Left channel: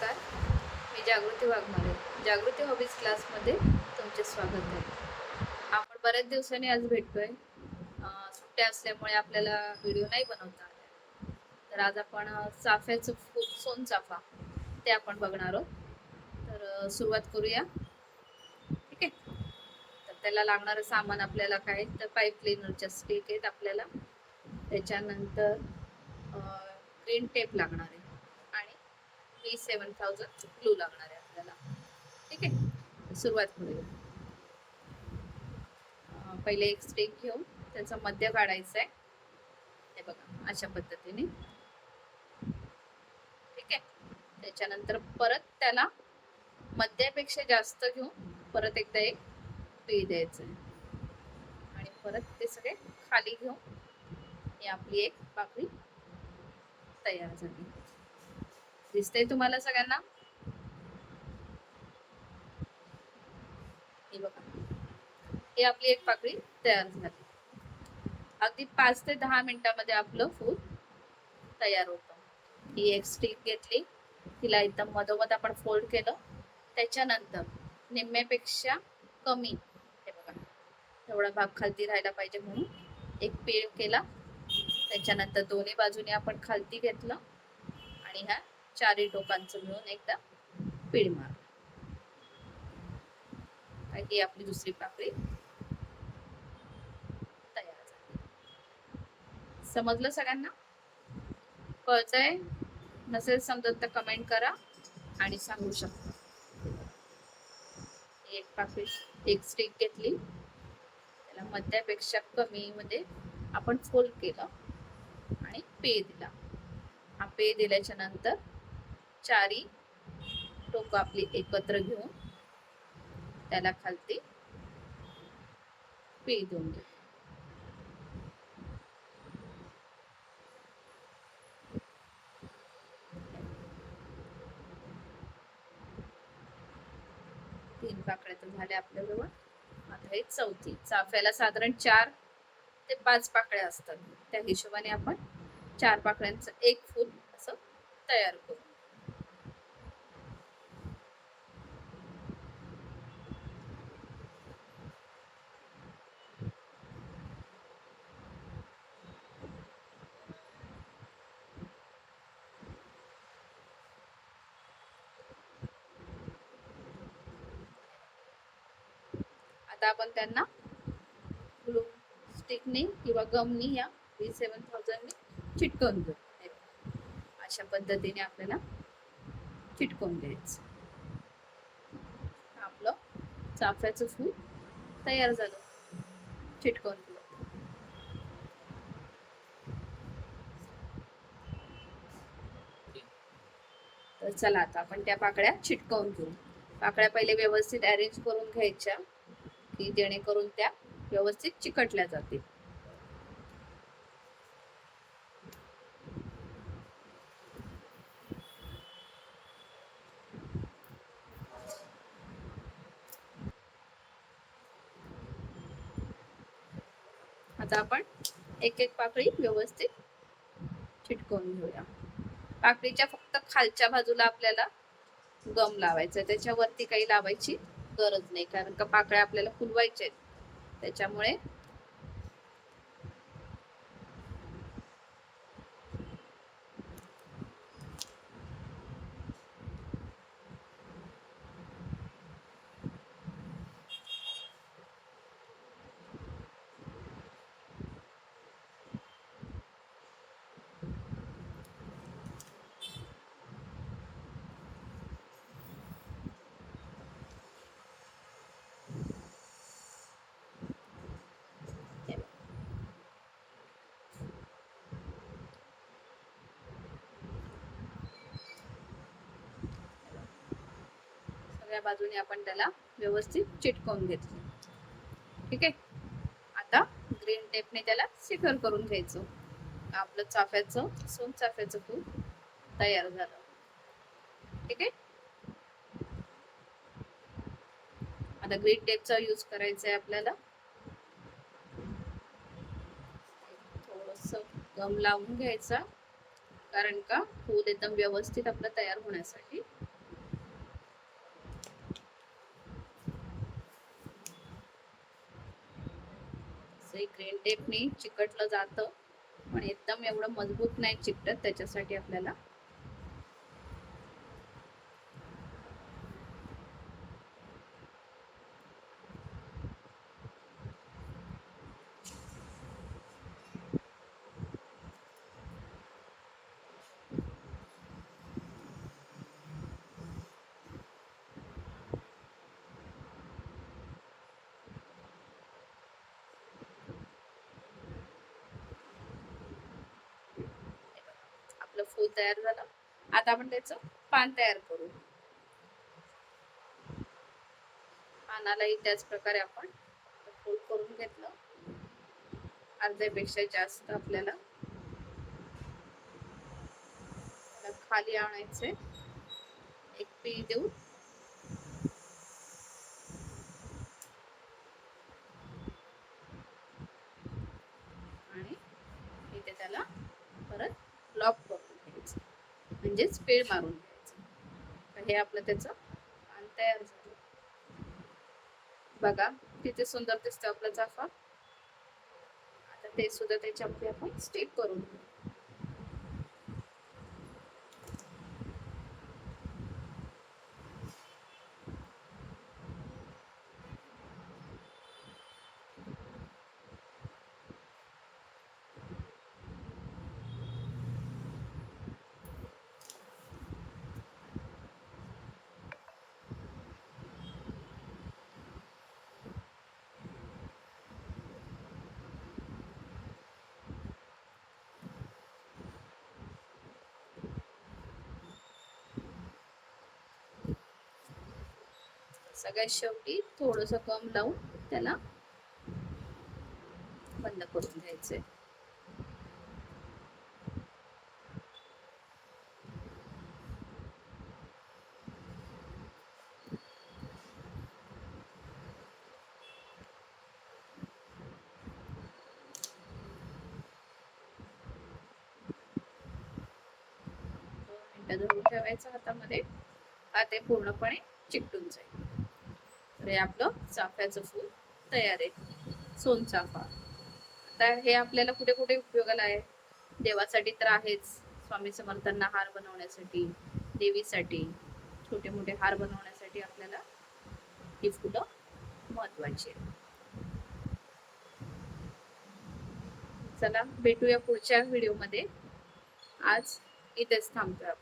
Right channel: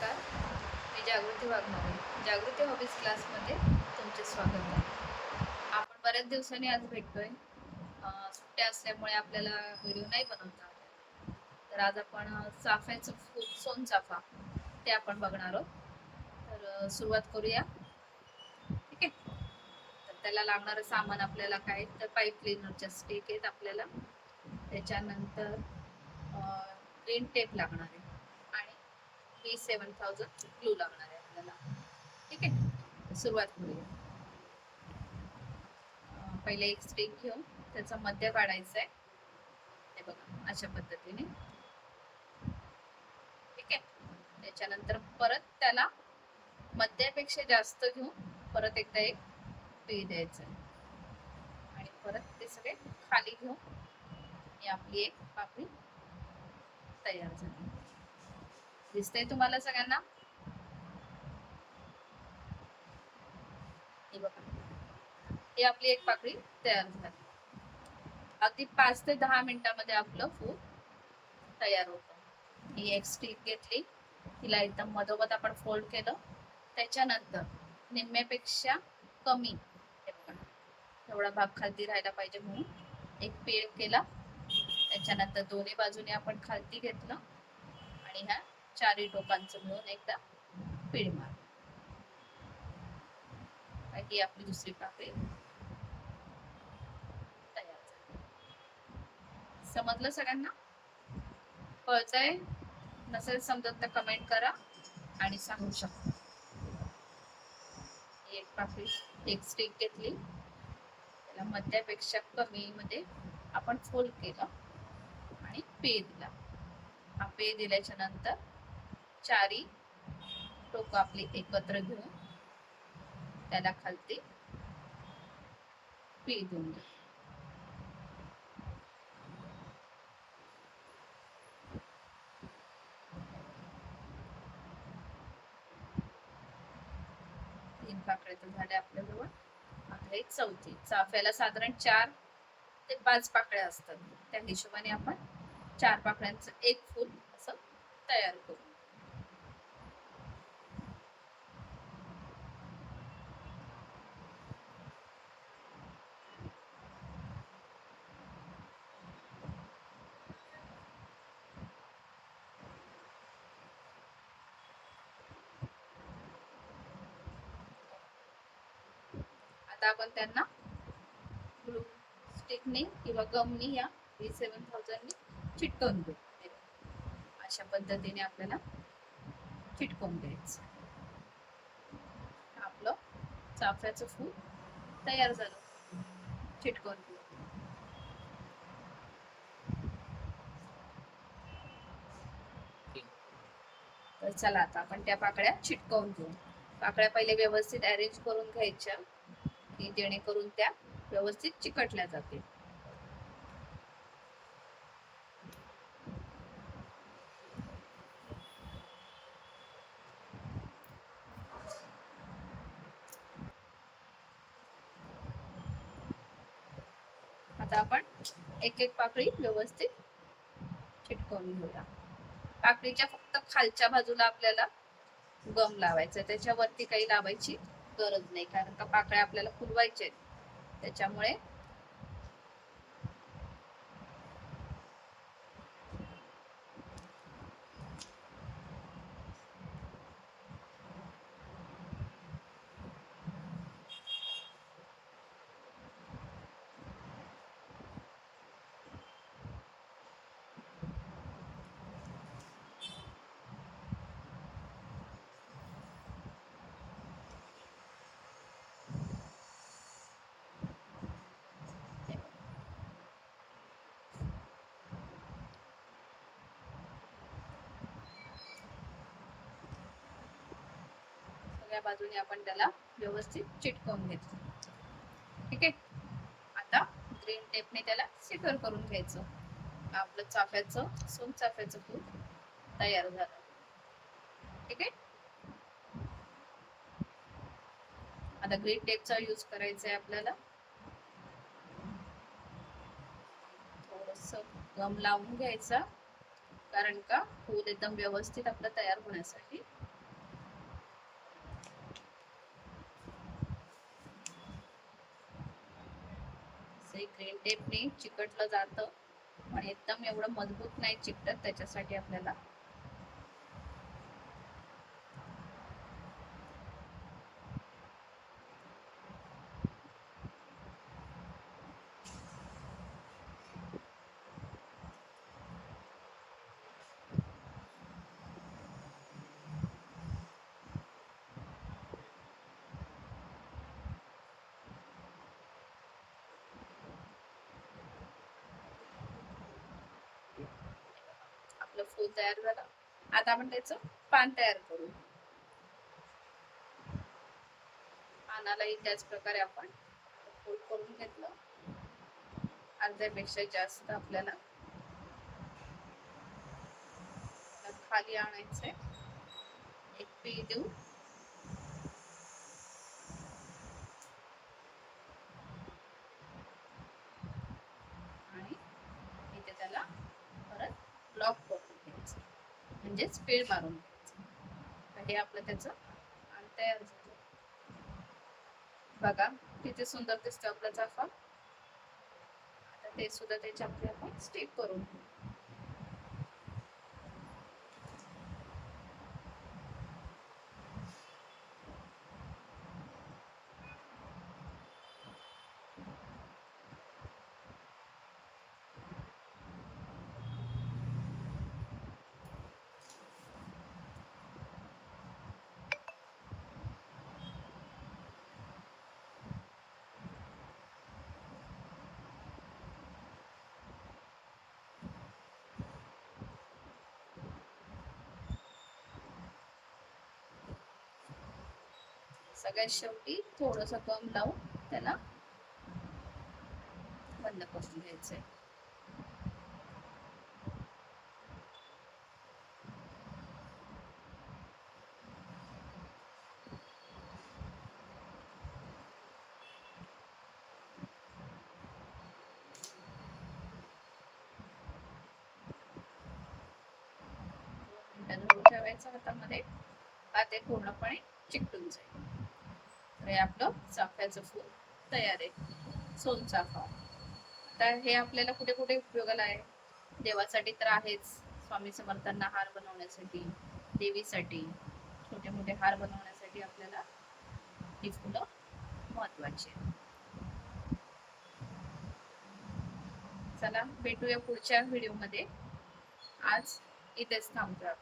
नमस्कार. मी जागृती वाघमारे. जागृती हॉबीज क्लासमध्ये तुमचे स्वागत आहे. आपण बऱ्याच दिवसांनी आज भेटतोय. सुट्ट्या असल्यामुळे आपल्याला व्हिडिओ नाही बनवता आला. तर आज आपण चाफ्याचं फूल, सोनचाफा ते आपण बघणार आहोत. तर सुरुवात करूया. ठीक आहे. तर त्याला लागणारं सामान आपल्याला काय, तर पाईप क्लिनरच्या स्टिक आहेत आपल्याला. त्याच्यानंतर ग्रीन टेप लागणार आहे आणि B7000 ग्लू लागणार आहे आपल्याला. ठीक आहे. सुरुवात करूया. पहिले एक स्टिक घेऊन त्याचा मध्य काढायचा आहे. हे बघा अशा पद्धतीने. ठीक आहे. त्याच्यानंतर परत त्याला मध्यापेक्षा जास्त घेऊन परत एकदा एक पीळ द्यायचं आहे आणि परत ते सगळे खाली घेऊन ही आपली एक पाकळी तयार झाली. दिसतंय तुम्हाला सगळ्यांना? हे बघा, ही आपली एक पाकळी तयार झाली. अगदी 5 ते 10 मिनिटांमध्ये आपलं फूल तयार होतं. ही एक स्टिक घेतली, तिला एकदम मधोमध आपण फोल्ड केलं. त्याच्यानंतर निम्म्यापेक्षा कमी, हे बघा एवढा भाग खालती राहायला पाहिजे म्हणून एक पीळ केला. त्याच्यानंतर दोन्ही बाजूने आपण खालती घेतलं आणि ह्या चारही टोकांचं मिळून एकदा पीळ मार. ही आपली दुसरी पाकळी तयार झाली. समजलं सगळ्यांना? कळतंय? नसेल समजत तर कमेंट करा आणि सांगू शकता. एक पाकळी, एक स्टिक घेतली, त्याला मध्यापेक्षा कमी मध्ये आपण फोल्ड केलं आणि पेय दिला. हा पेय दिल्याच्या नंतर चारी टोक आपली एकत्र घेऊन त्याला खालती पेय देऊन घे. तीन पाकळ्या तर झाल्या आपल्याजवळ. आता एक चौथी. चाफ्याला साधारण 4 ते 5 पाकळ्या असतात. त्या हिशोबाने आपण 4 पाकळ्यांचं एक फूल असं तयार करू. आता आपण त्यांना ग्लू स्टिकने किंवा गमनी या B7000 ने चिटकवून घेऊ. अशा पद्धतीने आपल्याला चिटकवून द्यायचं. आपलं चाफ्याचं फूल तयार झालं. चिटकवून घेऊ. तर चला आता आपण त्या पाकळ्या चिटकवून घेऊ. पाकळ्या पहिले व्यवस्थित अरेंज करून घ्यायच्या की जेणेकरून त्या व्यवस्थित चिकटल्या जातील. आता आपण एक एक पाकळी व्यवस्थित चिटकवून घेऊया. पाकळीच्या फक्त खालच्या बाजूला आपल्याला गम लावायचं, त्याच्यावरती काही लावायची गरज नाही, कारण का पाकळ्या आपल्याला फुलवायच्या आहेत. त्याच्यामुळे सगळ्या बाजूने आपण त्याला व्यवस्थित चिटकवून घेतलं. ठीक आहे. आता ग्रीन टेपने त्याला सिक्युअर करून घ्यायचं. आपलं चाफ्याचं, सोनचाफ्याचं फूल तयार झालं. ठीक आहे. आता ग्रीन टेपचा यूज करायचा आहे आपल्याला. थोडस गम लावून घ्यायचा, कारण का फूल एकदम व्यवस्थित आपलं तयार होण्यासाठी. असंही ग्रीन टेपनी चिकटलं जातं, पण एकदम एवढं मजबूत नाही चिकटत. त्याच्यासाठी आपल्याला आपलं फूल तयार झालं. आता आपण त्याचं पान तयार करू. पानालाही त्याच प्रकारे आपण फोल्ड करून घेतलं. अर्ध्यापेक्षा जास्त आपल्याला खाली आणायचे. एक पीळ देऊ. आणि इथे त्याला परत लॉक करून घ्यायचं, म्हणजेच पीळ मारून घ्यायचं. तर हे आपलं त्याचं पान तयार झालं. बघा किती सुंदर दिसतं आपला चाफा. आता ते सुद्धा त्याच्यामध्ये आपण स्टिक करून घेऊ. सगळ्यात शेवटी थोडस गम लावून त्याला बंद करून घ्यायचे. धरून ठेवायचं हातामध्ये, का ते पूर्णपणे चिकटून जाईल. तर हे आपलं चाफ्याचं फूल तयार आहे, सोनचाफा. आता हे आपल्याला कुठे कुठे उपयोगाला आहे? देवासाठी तर आहेच, स्वामी समर्थांना हार बनवण्यासाठी, देवीसाठी, छोटे मोठे हार बनवण्यासाठी आपल्याला ही फुलं महत्वाची आहे. चला भेटूया पुढच्या व्हिडिओमध्ये. आज इथेच थांबतोय.